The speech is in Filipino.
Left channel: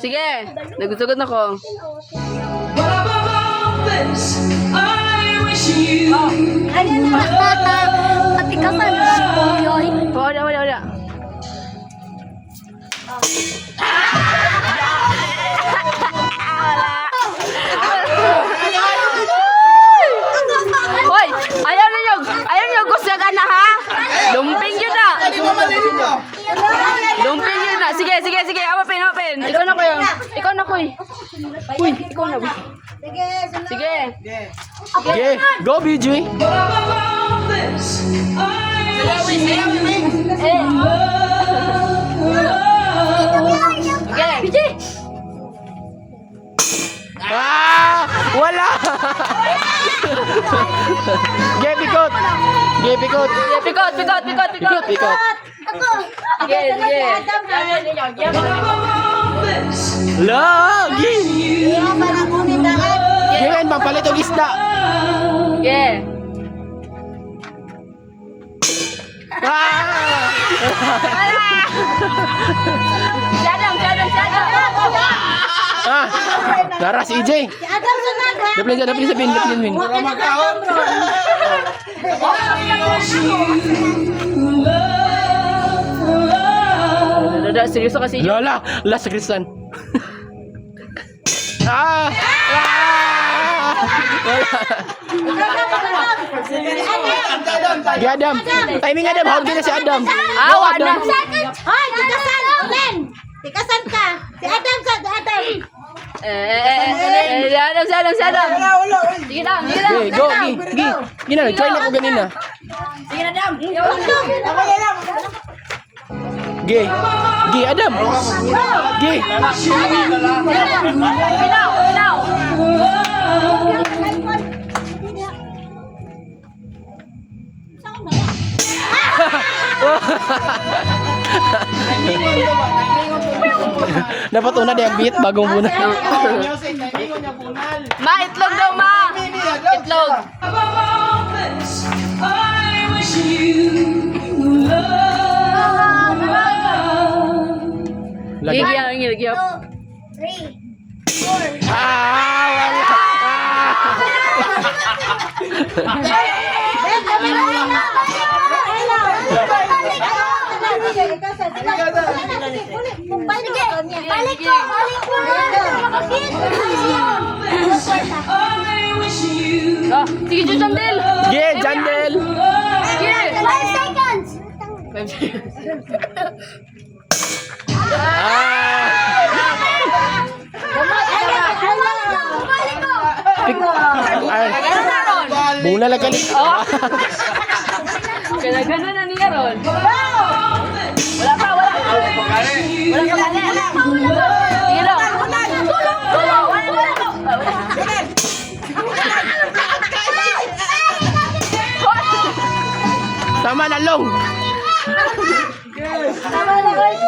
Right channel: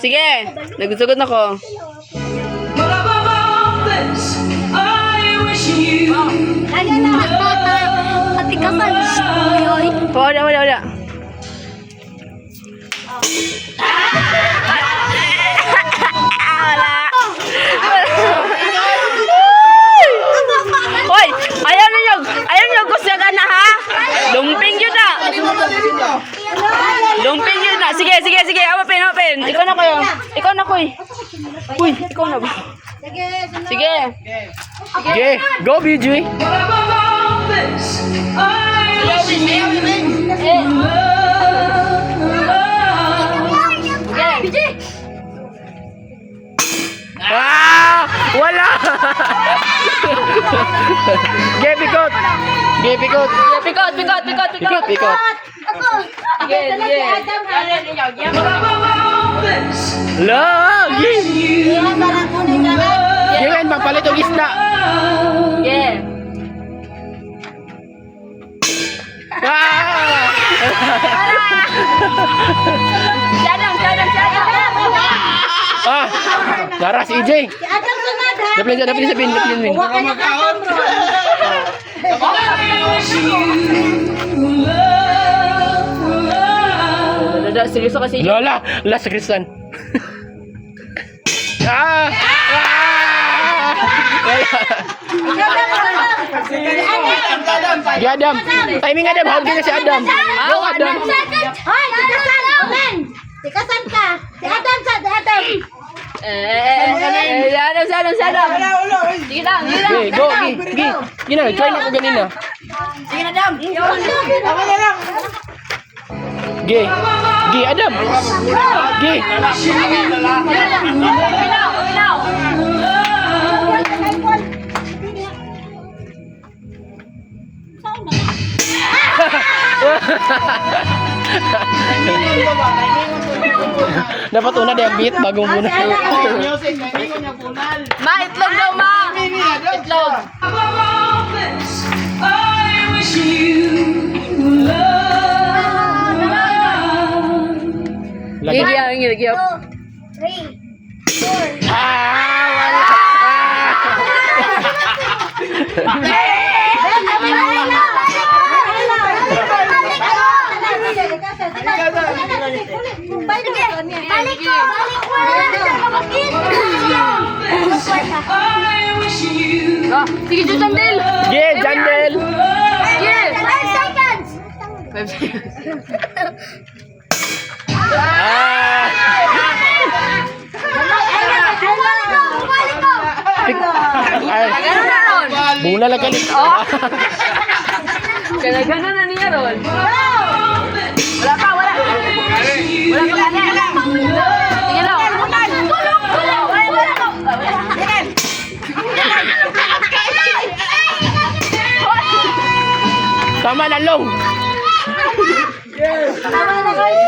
Sige. Nagusugod na ko. Ano na? Pati ka pa. Wala. Hoy, ayaw niyo gusto ka na ha? Lumping yun na. Lumping yun na. Sige. Open. Ikaw na ko eh. Uy, ikaw na ba? Sige. Okay, go BJ. Sige. Wala. Pikot. Pikot. Sige. Lagi. Gawin mapalit og isda. Sige. Sadam. Naras EJ. Dapat sa bin. Seryoso kasi. Lola, last Kristan. Di Adam. Timing Adam, hawag din na si Adam. Go Adam. Hoy, tikasan. Omen. Tikasan ka. Si Adam. Sadam. Sige lang. Okay, go. Gina, try na ko ganina. Sige na, Dam. Gi, Adam. Gi. Dapat una dia beat bagong muna. Ma, itlog daw, ma. Itlog. Gigi. 3, 4. Wala. Balik ko. Sige, Jandel. Gi, Jandel. Sige. 5 seconds. 5 seconds. Ganun na ron. Bula lang kalit. Ganun na niya ron. Wala pa kanya. Sige lang. Tama na long. Tama na, guys.